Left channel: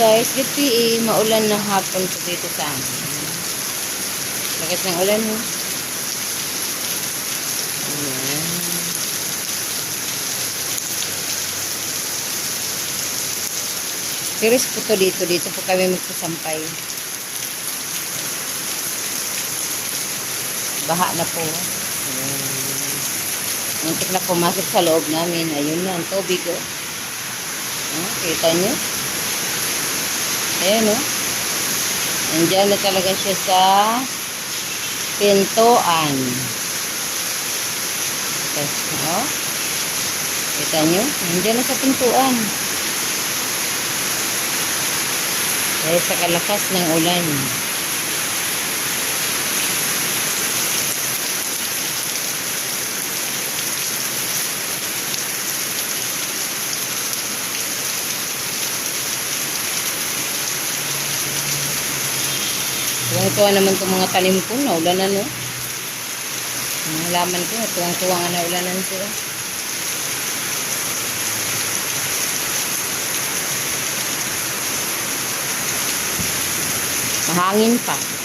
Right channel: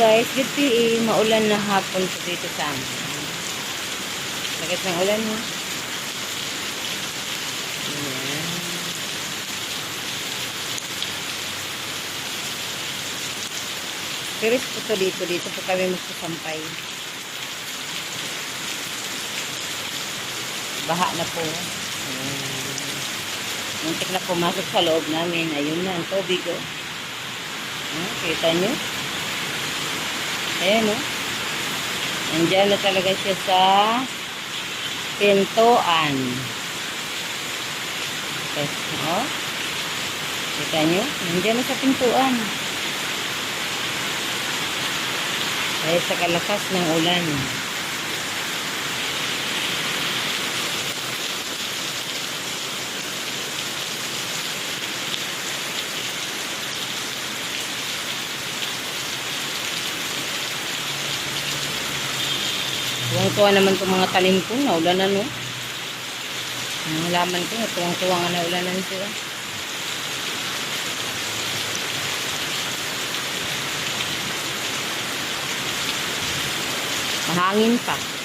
guys, GPE, maulan na hapon po dito sa amin. Lakas ng ulan mo. Ayan. Pero po to dito, dito po kami magsasampay. Baha na po. Muntik na pumasok sa loob namin. Ayun na, ang tubig oh. Ah, kita nyo? Ayan oh. Nandiyan na talaga siya sa pintuan. Okay. Oh. Kita nyo? Nandiyan na sa pintuan. Dahil sa kalakas ng ulan. Tuwang-tuwa naman itong mga talim ko. Naulanan no. Ang halaman ko, tuwang-tuwa nga naulanan sila. Mahangin pa.